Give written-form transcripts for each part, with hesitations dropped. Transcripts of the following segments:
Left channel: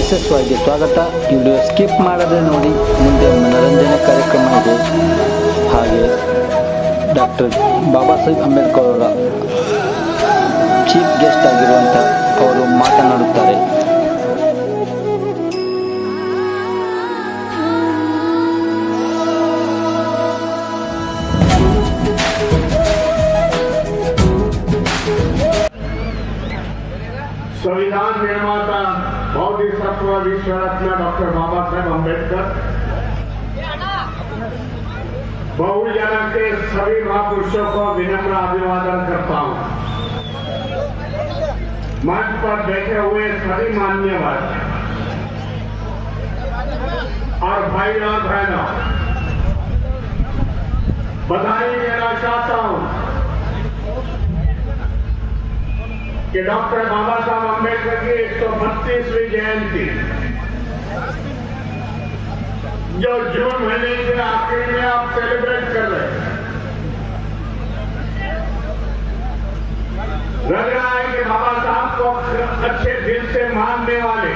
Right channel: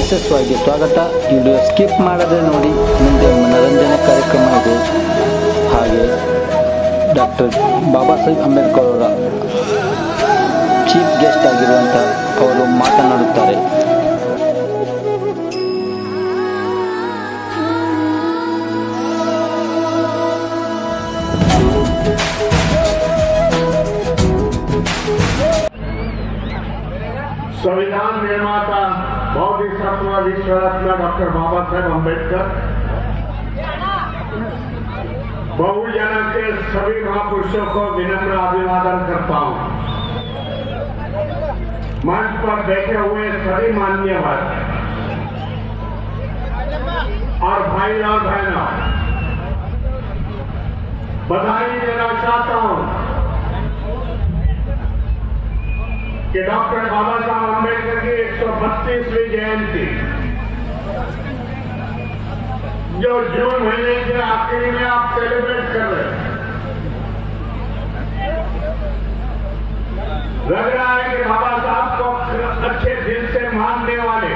ಯಶಸ್ವಿಯಾಗಿ ಸ್ವಾಗತ. Video skip ಮಾಡದೆ ನೋಡಿ. ಮುಂದೆ ಮನರಂಜನೆ ಕಾರ್ಯಕ್ರಮ ಇದೆ. ಹಾಗೆ ಡಾಕ್ಟರ್ ಬಾಬಾ ಸಾಹೇಬ್ ಅಂಬೇಡ್ಕರ್ ಅವರ ಚೀಫ್ ಗೆಸ್ಟ್ ಆಗಿರುವಂಥ ಅವರು ಮಾತನಾಡುತ್ತಾರೆ. संविधान निर्माता बोधिसत्व विश्व रत्न डॉक्टर बाबा साहेब अंबेडकर, बहुजन के सभी महापुरुषों को विनम्र अभिवादन करता हूं। मंच पर बैठे हुए सभी मान्यवर और भाई और बहनों, बधाई देना चाहता हूं कि डॉक्टर बाबा साहब अंबेडकर की 132वीं जयंती जो जून महीने के आखिर में आप सेलिब्रेट कर रहे हैं, लग रहा है कि बाबा साहब को अच्छे दिल से मानने वाले,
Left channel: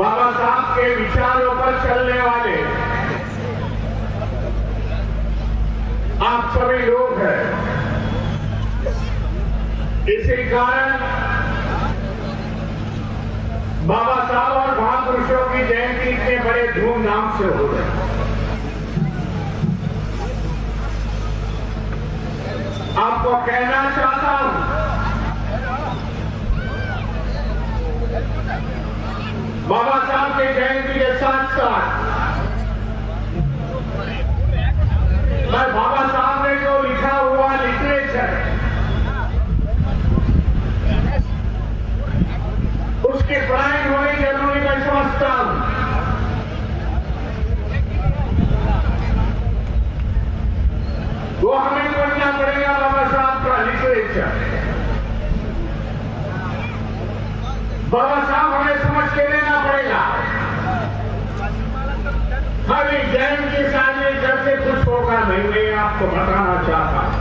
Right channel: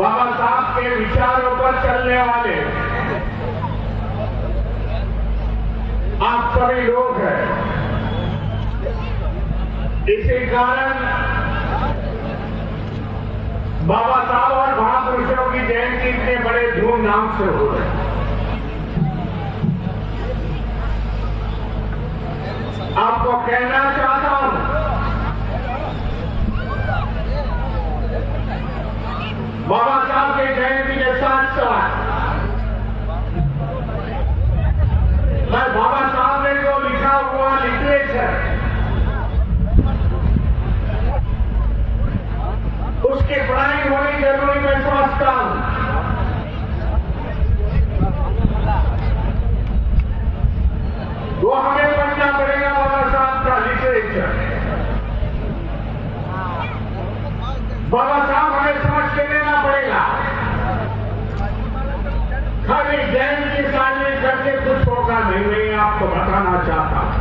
बाबा साहब के विचारों पर चलने वाले आप सभी लोग हैं। इसी कारण बाबा साहब और महापुरुषों की जयंती इतने बड़े धूमधाम से हो रहे हैं। आपको कहना चाहता हूं, बाबा साहब की जयंती के साथ साथ मैं बाबा साहब ने जो लिखा हुआ लिटरेचर, उसकी पढ़ाई होनी जरूरी मैं समझता हूं। वो हमें पढ़ना पड़ेगा बाबा साहब का लिटरेचर। बाबा साहब हमें समझ के लेना पड़ेगा। खाली जयंती शादी करके कुछ होगा नहीं, मैं आपको बताना चाहता हूं।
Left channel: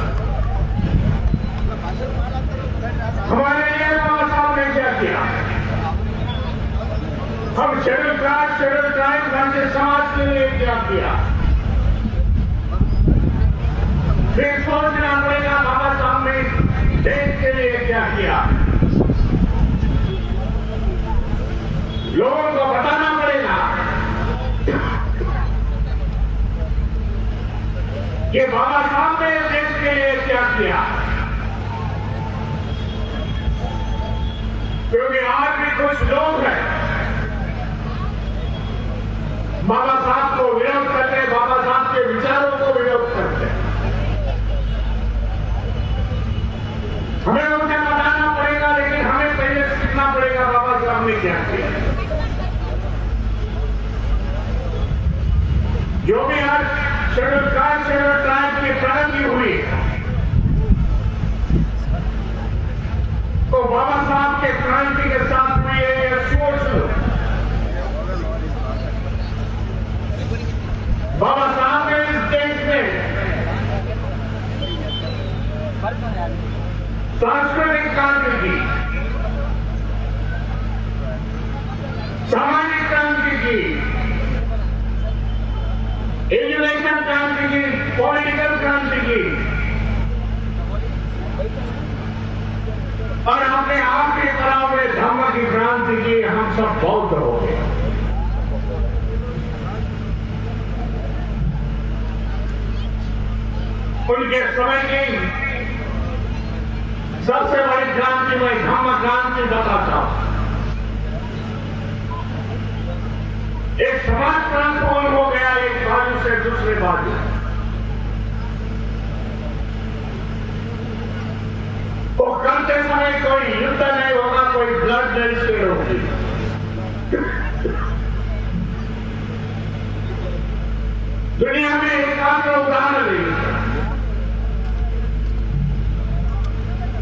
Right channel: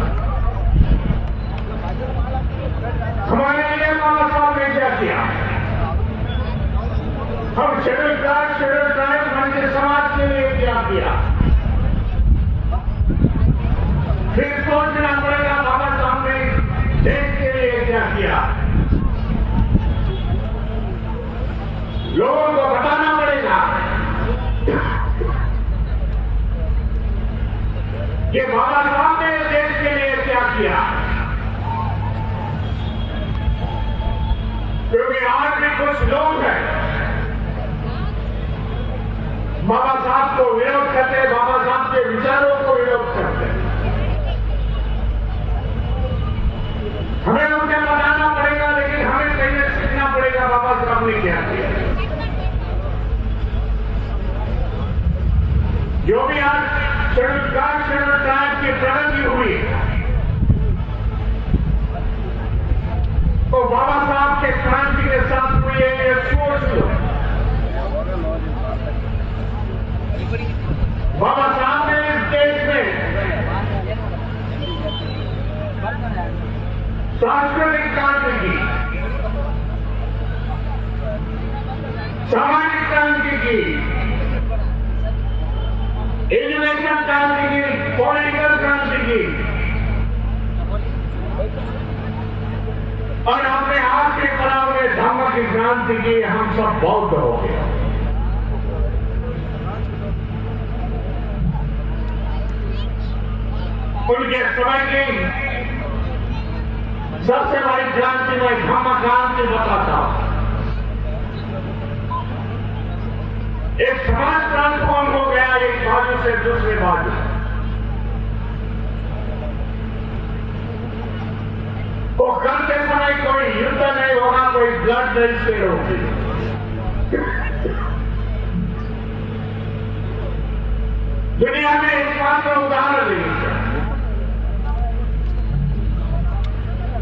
हमारे लिए बाबा साहब ने क्या किया? हम शेड्यूल कास्ट, शेड्यूल ट्राइब, वंचित समाज के लिए क्या किया? फिर सोचना पड़ेगा बाबा साहब ने देश के लिए क्या किया। लोगों को बताना पड़ेगा कि बाबा साहब ने देश के लिए क्या किया। क्योंकि आज भी कुछ लोग हैं बाबा साहब को विरोध करते, बाबा साहब के विचारों को विरोध करते। हमें उन्हें बताना पड़ेगा, लेकिन हमें पहले सीखना पड़ेगा बाबा साहब ने क्या किया। जो भी आज शेड्यूल कास्ट, शेड्यूल ट्राइब की प्रगति हुई तो बाबा साहब के क्रांति के साथ हुई है। ये सोच लो, बाबा साहब ने इस देश में सांस्कृतिक क्रांति की, सामाजिक क्रांति की, एजुकेशन क्रांति की, पॉलिटिकल क्रांति की और अपने आप के करा हुए धर्म की क्रांति की। हम सब बौद्ध हो गए। उनके समय की सबसे बड़ी क्रांति में धम्म क्रांति बताता हूं। एक समाज ट्रांसफॉर्म हो गया एक बाजू से दूसरे बाजू। वो करते समय कोई युद्ध नहीं होगा, कोई ब्लड नहीं शेड होगी। दुनिया में एकमात्र उदाहरण नहीं है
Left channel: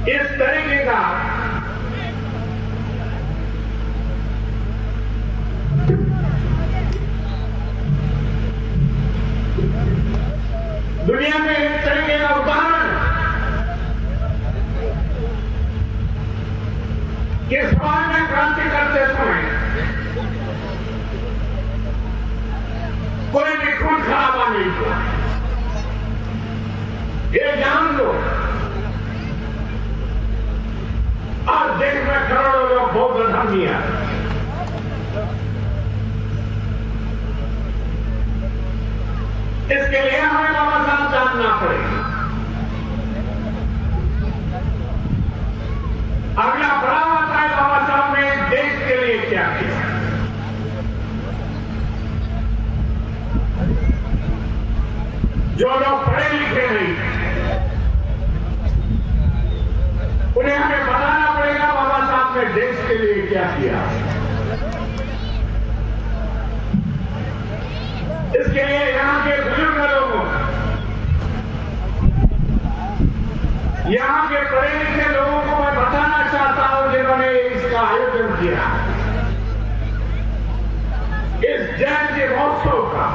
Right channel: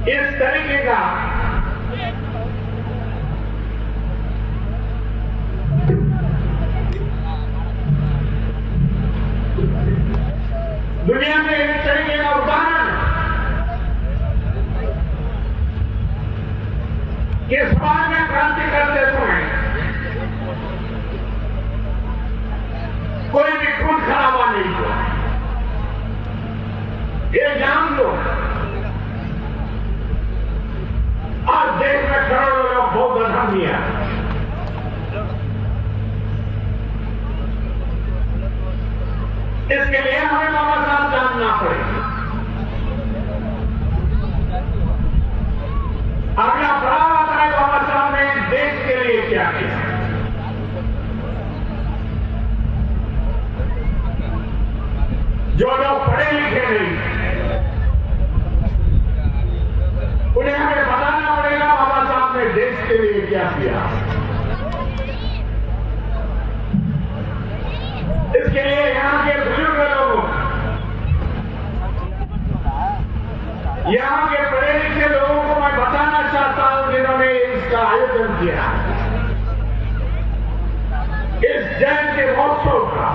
इस तरीके का। दुनिया में एक तरीके का उदाहरण कि समाज में क्रांति करते समय कोई भी खून खराबा नहीं हुआ, ये जान लो। और देश में करोड़ों लोग बौद्ध धर्म दिया। इसके लिए हमें बाबा साहब जानना पड़ेगा। अगला पड़ाव आता है बाबा साहब ने देश के लिए क्या किया। जो लोग पढ़े लिखे नहीं उन्हें हमें बताना पड़ेगा बाबा साहब ने देश के लिए क्या किया। इसके लिए यहां के बुजुर्ग लोगों, यहां के पढ़े लिखे लोगों को मैं बताना चाहता हूं जिन्होंने इसका आयोजन किया, इस जयंती महोत्सव का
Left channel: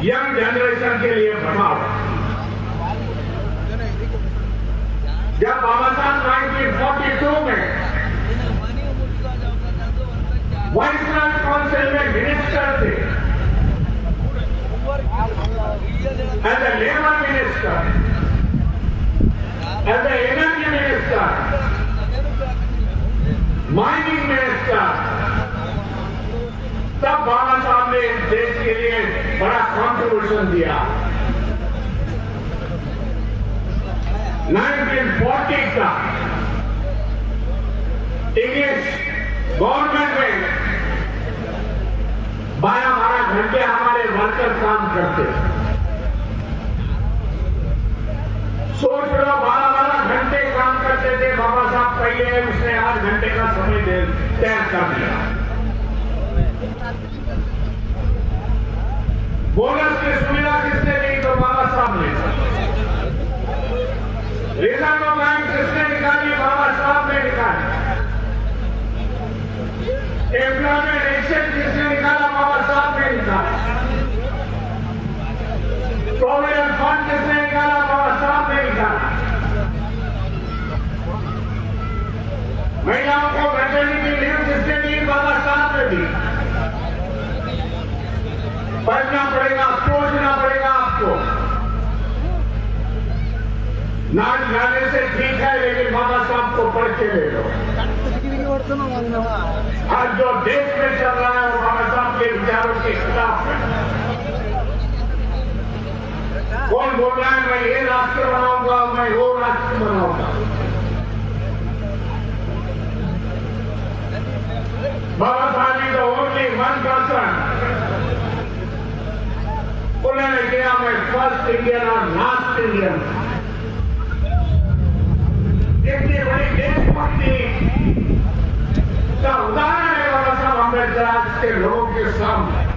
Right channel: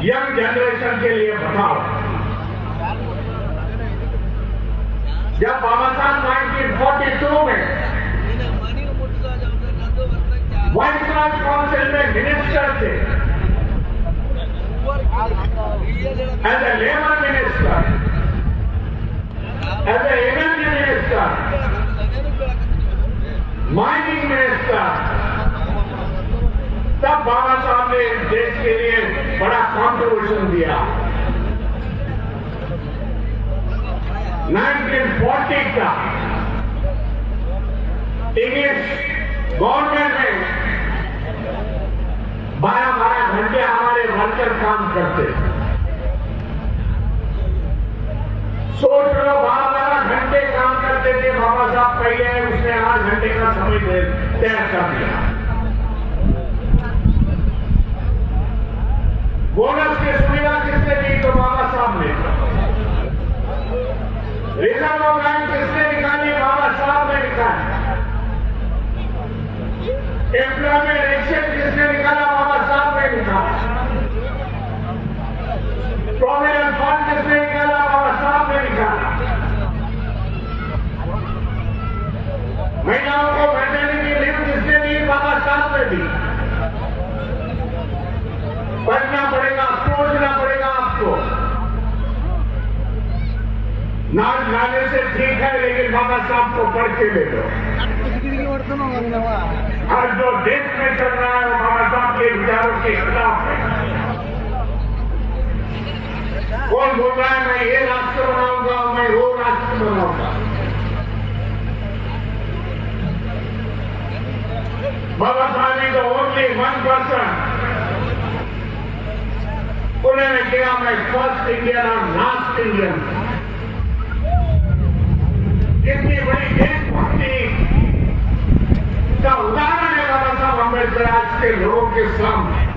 यंग जनरेशन के लिए बताओ। जब बाबा साहब 1942 में वाइसराय काउंसिल में मिनिस्टर थे, as a labour minister, as a energy minister, mining minister, तब बाबा साहब ने देश के लिए बड़ा कॉन्ट्रीब्यूशन दिया। 1940 का इंग्लिश गवर्नमेंट में 12-12 घंटे हमारे वर्कर काम करते। सोच लो 12-12 घंटे काम करते थे बाबा साहब, पहले उसने 8 घंटे का समय तय कर दिया। बोनस की सुविधा किसने दी? तो बाबा साहब ने। रिजर्व बैंक किसने निकाली? बाबा साहब ने निकाली। एम्प्लॉयमेंट एक्सचेंज किसने निकाला? बाबा साहब ने निकाला। प्रोविडेंट फंड किसने निकाला? बाबा साहब ने निकाला। महिलाओं को मैटरनिटी लीव किसने दी? बाबा साहब ने दी। पढ़ना पड़ेगा, सोचना पड़ेगा आपको। नाच गाने से ठीक है, लेकिन बाबा साहब को पढ़ के ले लो। आज जो देश में चल रहा है बाबा साहब के विचारों के खिलाफ है। कौन बोल रहा है मैं ये राष्ट्र बनाऊंगा, मैं वो राष्ट्र बनाऊंगा? बाबा साहब इज ओनली वन पर्सन। उन्होंने किया मैं फर्स्ट इंडियन और लास्ट इंडियन। इतनी बड़ी देशभक्ति का उदाहरण है बाबा साहब अम्बेडकर आज के लोगों के सामने।